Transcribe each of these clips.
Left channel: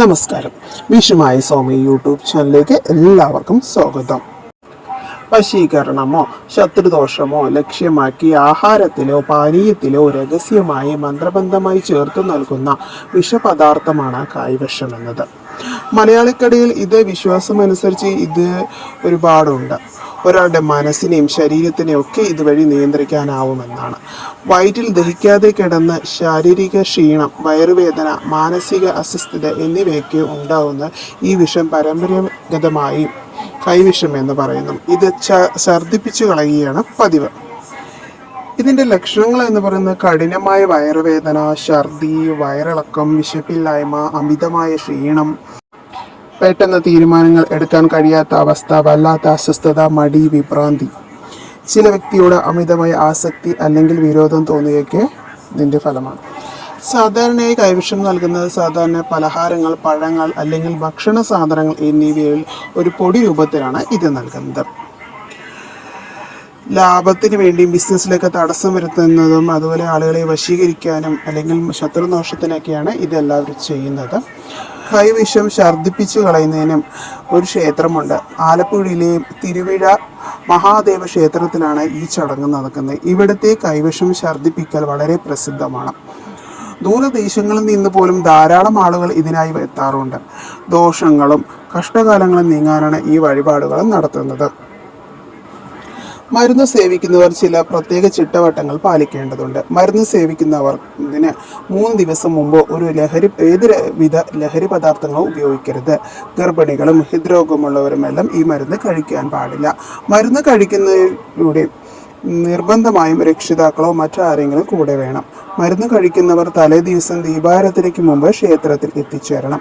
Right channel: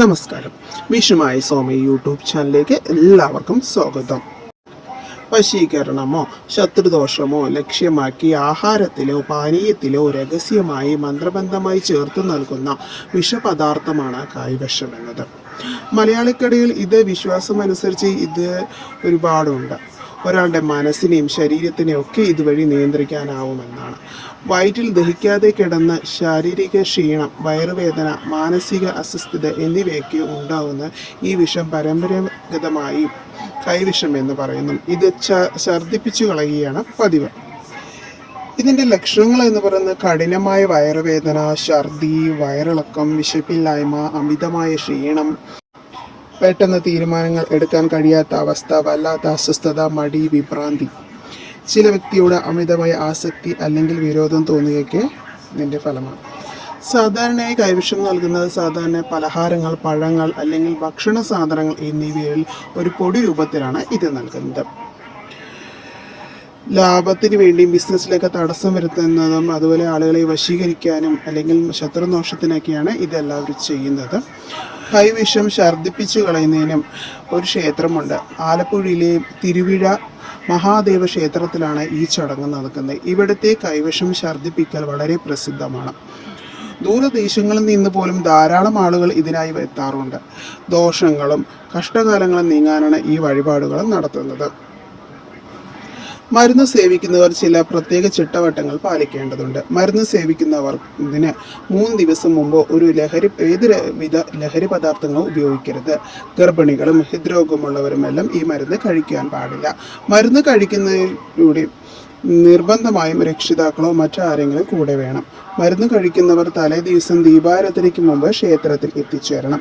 നമസ്കാരം. വിഷുമായി സ്വാമി യൂട്യൂബ് ചാനലിലേക്ക് എല്ലാവർക്കും സ്വാഗതം. വശീകരണമോ ശത്രുദോഷമോ ലക്ഷ്യമാക്കി ആഹാരത്തിലോ പാനീയത്തിലോ രഹസ്യമായി മന്ത്രബന്ധമായി ചേർത്തു നൽകുന്ന വിഷപദാർത്ഥമാണ് കൈവശം എന്നത്. മലയാളിക്കടയിൽ ഇത് വിശ്വാസമനുസരിച്ച് ഇത് ഒരുപാടുണ്ട്. ഒരാളുടെ മനസ്സിനെയും ശരീരത്തിനെയും ഒക്കെ ഇതുവഴി നിയന്ത്രിക്കാനാവുമെന്നാണ്. വയറ്റിൽ ദഹിക്കാതെ കിടന്ന് ശാരീരിക ക്ഷീണം, വയറുവേദന, മാനസിക അസ്വസ്ഥത എന്നിവയൊക്കെ ഉണ്ടാവുന്ന ഈ വിഷം പരമ്പരാഗതമായി കൈവിഷം എന്ന് പറയുന്നു. ഇത് ഛർദ്ദിപ്പിച്ചു കളയുകയാണ് പതിവ്. ഇതിൻ്റെ ലക്ഷണങ്ങൾ എന്ന് പറയുന്നത് കഠിനമായ വയറുവേദന, ഛർദി, വയറിളക്കം, വിശപ്പില്ലായ്മ, അമിതമായ ക്ഷീണം, പെട്ടെന്ന് തീരുമാനങ്ങൾ എടുക്കാൻ കഴിയാത്ത അവസ്ഥ, വല്ലാത്ത അസ്വസ്ഥത, മടി, വിഭ്രാന്തി, ചില വ്യക്തിയോട് അമിതമായ ആസക്തി അല്ലെങ്കിൽ വിരോധം തോന്നുകയൊക്കെ ഇതിൻ്റെ ഫലമാണ്. സാധാരണയായി കൈവശം നൽകുന്നത് സാധാരണ പലഹാരങ്ങൾ, പഴങ്ങൾ അല്ലെങ്കിൽ ഭക്ഷണ സാധനങ്ങൾ എന്നിവയിൽ ഒരു പൊടി രൂപത്തിലാണ് ഇത് നൽകുന്നത്. ലാഭത്തിന് വേണ്ടിയും ബിസിനസ്സിലൊക്കെ തടസ്സം വരുത്തുന്നതും അതുപോലെ ആളുകളെ വശീകരിക്കാനും അല്ലെങ്കിൽ ശത്രുദോഷത്തിനൊക്കെയാണ് ഇതെല്ലാവരും ചെയ്യുന്നത്. കൈവിഷം ഛർദ്ദിപ്പിച്ചു കളയുന്നതിനും ഒരു ക്ഷേത്രമുണ്ട്. ആലപ്പുഴയിലെ തിരുവിഴ മഹാദേവ ക്ഷേത്രത്തിലാണ് ഈ ചടങ്ങ് നടക്കുന്നത്. ഇവിടുത്തെ കൈവിഷം ഛർദ്ദിപ്പിക്കൽ വളരെ പ്രസിദ്ധമാണ്. ദൂരദേശങ്ങളിൽ നിന്ന് പോലും ധാരാളം ആളുകൾ ഇതിനായി എത്താറുണ്ട്. ദോഷങ്ങളും കഷ്ടകാലങ്ങളും നീങ്ങാനാണ് ഈ വഴിപാടുകൾ നടത്തുന്നത്. മരുന്ന് സേവിക്കുന്നവർ ചില പ്രത്യേക ചിട്ടവട്ടങ്ങൾ പാലിക്കേണ്ടതുണ്ട്. മരുന്ന് സേവിക്കുന്നവർ ഇതിന് 3 ദിവസം മുമ്പ് ഏതൊരുവിധ ലഹരി പദാർത്ഥങ്ങളും ഉപയോഗിക്കരുത്. ഗർഭിണികളും ഹൃദ്രോഗമുള്ളവരുമെല്ലാം ഈ മരുന്ന് കഴിക്കാൻ പാടില്ല. മരുന്ന് കഴിക്കുന്നതിലൂടെ നിർബന്ധമായും രക്ഷിതാക്കളോ മറ്റാരെങ്കിലും കൂടെ വേണം. മരുന്ന് കഴിക്കുന്നവർ തലേ ദിവസം ദീപാരാധനയ്ക്ക് മുമ്പ് ക്ഷേത്രത്തിൽ എത്തിച്ചേരണം.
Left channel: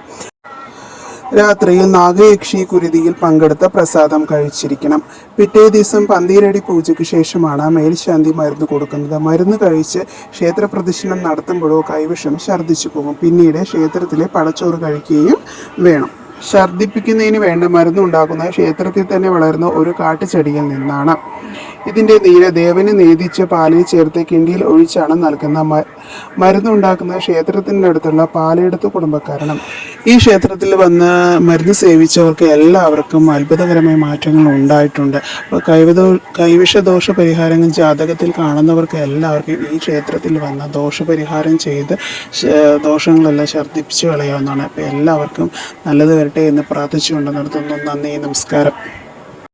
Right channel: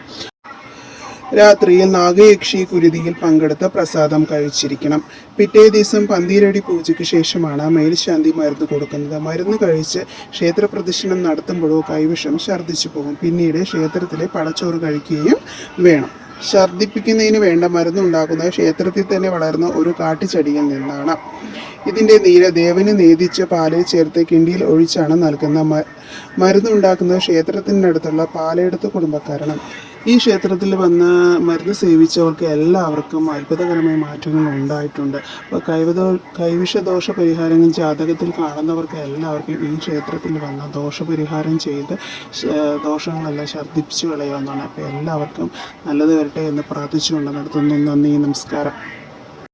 രാത്രിയിൽ നാഗയക്ഷി കുരുതിയിൽ പങ്കെടുത്ത പ്രസാദം കഴിച്ചിരിക്കണം. പിറ്റേ ദിവസം പന്തീരടി പൂജയ്ക്ക് ശേഷമാണ് മേൽശാന്തി മരുന്ന് കൊടുക്കുന്നത്. മരുന്ന് കഴിച്ച് ക്ഷേത്ര പ്രദക്ഷിണം നടത്തുമ്പോഴോ കൈവിഷം ഛർദ്ദിച്ചു പോകും. പിന്നീട് ക്ഷേത്രത്തിലെ പടച്ചോറ് കഴിക്കുകയും വേണം. ഛർദ്ദിപ്പിക്കുന്നതിന് വേണ്ട മരുന്ന് ഉണ്ടാക്കുന്ന ക്ഷേത്രത്തിൽ തന്നെ വളരുന്ന ഒരു കാട്ടുചെടിയിൽ നിന്നാണ്. ഇതിൻ്റെ നീര് ദേവന് നേദിച്ച പാലിൽ ചേർത്ത് കിണ്ടിയിൽ ഒഴിച്ചാണ് നൽകുന്ന. മരുന്നുണ്ടാക്കുന്ന ക്ഷേത്രത്തിൻ്റെ അടുത്തുള്ള പാലയെടുത്ത കുടുംബക്കാരണം. ഈ ക്ഷേത്രത്തിൽ വന്ന് മരുന്ന് സേവിച്ചവർക്ക് എല്ലാവർക്കും അത്ഭുതകരമായ മാറ്റങ്ങൾ ഉണ്ടായിട്ടുണ്ട്. അപ്പോൾ കൈവിഷദോഷ പരിഹാരങ്ങൾ ജാതകത്തിൽ കാണുന്നവർക്ക് എല്ലാവർക്കും ഈ ക്ഷേത്രത്തിൽ വന്ന് ദോഷപരിഹാരം ചെയ്ത് ദോഷങ്ങളെല്ലാം ഛർദ്ദിപ്പിച്ചു കളയാവുന്നതാണ്. അപ്പോൾ എല്ലാവർക്കും നല്ലത് വരട്ടെ എന്ന് പ്രാർത്ഥിച്ചുകൊണ്ട് നിർത്തുന്നു. നന്ദി, നമസ്കാരം.